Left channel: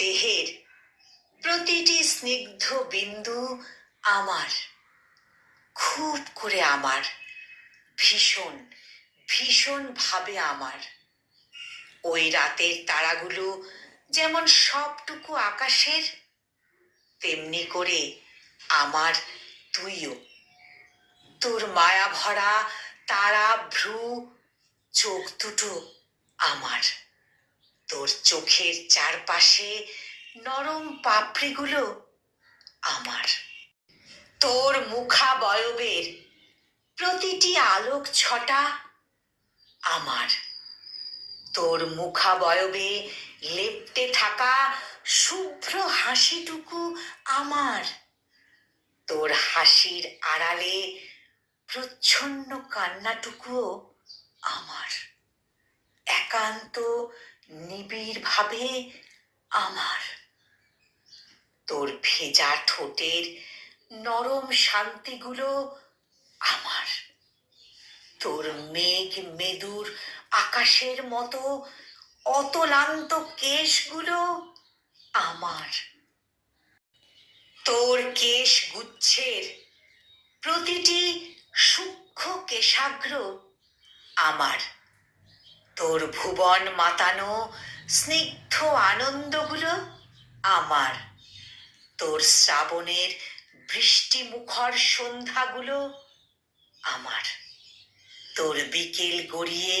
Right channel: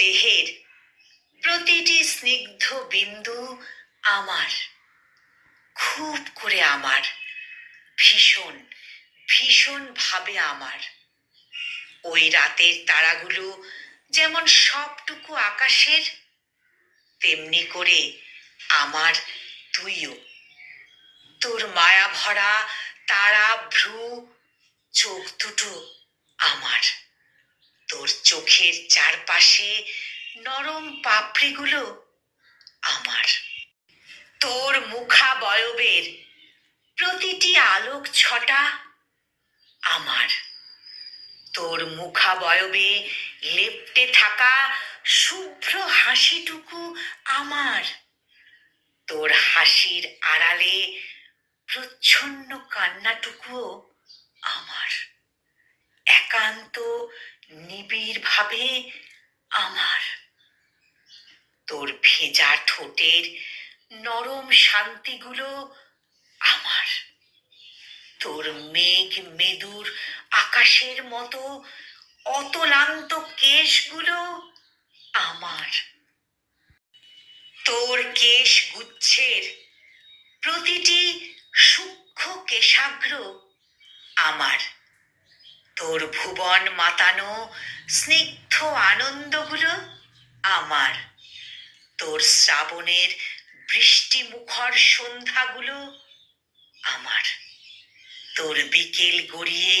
দেহের প্রতিটি স্নিগ্ধ বিন্দু আমার, খুব করে আমার, ভীষণ ভীষণ ভাবে আমার। ওই রাতের তারাগুলো যেমন সবটুকু আকাশের, তেমনি করে আমার তুইও। তোর মায়া ভরা তারা ভ্রু চোখ দুটো আমার, তোর চোখের চারপাশে নরম পাপড়িগুলো আমার, তোর মুখাবয়বের প্রতিটি আলোক ছটা আমার, তোর মুখাবয়বে লেপ্টে থাকা শুভ্র হাসিটুকু আমার, তোর হাসির আড়ালে প্রচ্ছন্ন কান্নাটুকুও আমার, একান্ত নিবিড় ভাবে আমার, তোর ভেজা ঠোঁটের নরম শান্তিগুলো আমার, তোর মেঘ মেদুর আকাশের মতো অতলান্ত কেশগুলো আমার, তোর কেশ গুচ্ছের প্রতিটি সূক্ষ্ম কেশাগ্র আমার, তোর ভুবন মাতানো স্নিগ্ধ আনন্দগুলো আমার, তোর শ্রাবণের বৃষ্টি মুখর সন্ধ্যাগুলো আমার, তোর বিকেল গড়িয়ে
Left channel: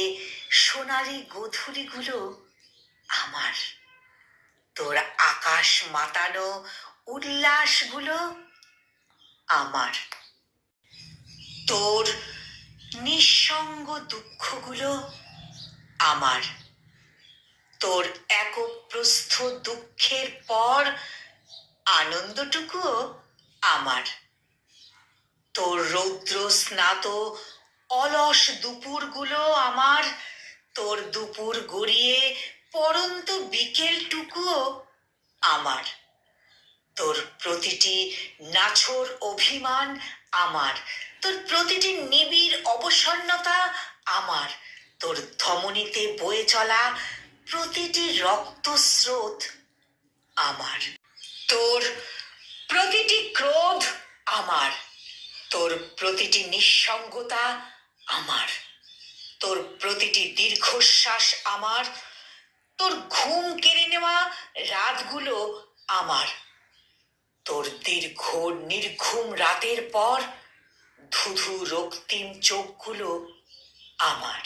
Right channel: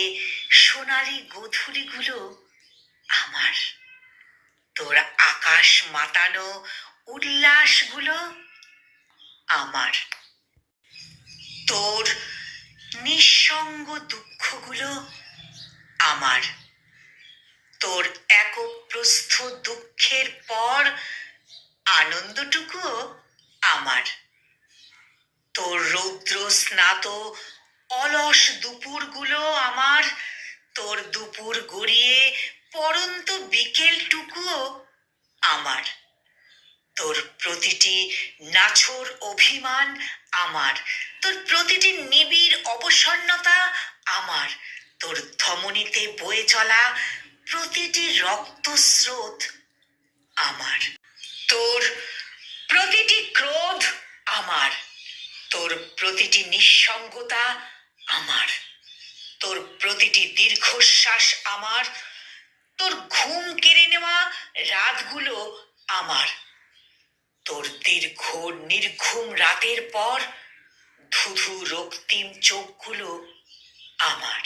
সোনালি গোধূলিগুলো আমার, তোর আকাশ মাতানো উল্লাসগুলো আমার, তোর নিঃসঙ্গ দুঃখগুলো আমার, তোর একপ্রস্থ দুঃখের পর আনন্দটুকুও আমার, তোর রৌদ্র স্নাত অলস দুপুরগুলো আমার, তোর দুপুর গড়িয়ে পরন্ত বিকেলটুকুও আমার, তোর প্রতিটি নাছোড় অভিমান আমার, তোর প্রতিটি নিবিড় অবসন্নতা আমার, তোর ধমনীতে বয়ে চলা প্রতিটি রক্তস্রোত আমার, তোর প্রতিটি ক্রোধ আমার, তোর প্রতিটি নিঃসঙ্গতা আমার, তোর প্রতিটি দীর্ঘশ্বাস আমার, তোর ঘুম কেড়ে নেওয়া রাতগুলো আমার, তোর দীর্ঘ নির্ঘুম রাতের পর ধুধু রক্তিম চোখগুলো আমার,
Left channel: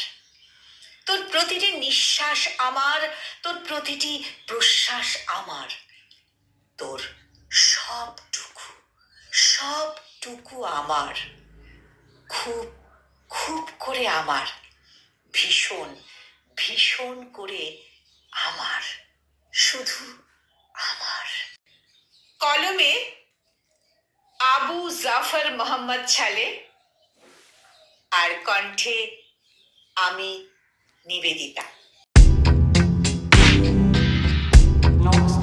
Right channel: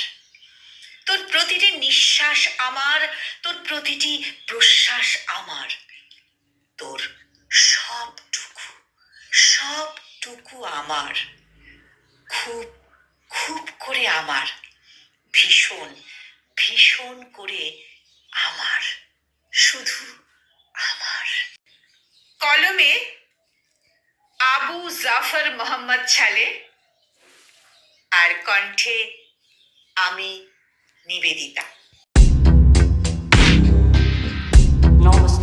তোর প্রতিটি নিঃশ্বাস আমার, তোর প্রতিটি প্রশ্বাস আমার, তোর সবটুকু সবটুকু আমার, খুব খুব করে আমার, ভীষণ ভীষণ করে আমার, শুধু আমার। কলমে আবু জাফর মোহাম্মদ ছালে, আর কণ্ঠে আমি নিবেদিতা। Namaste.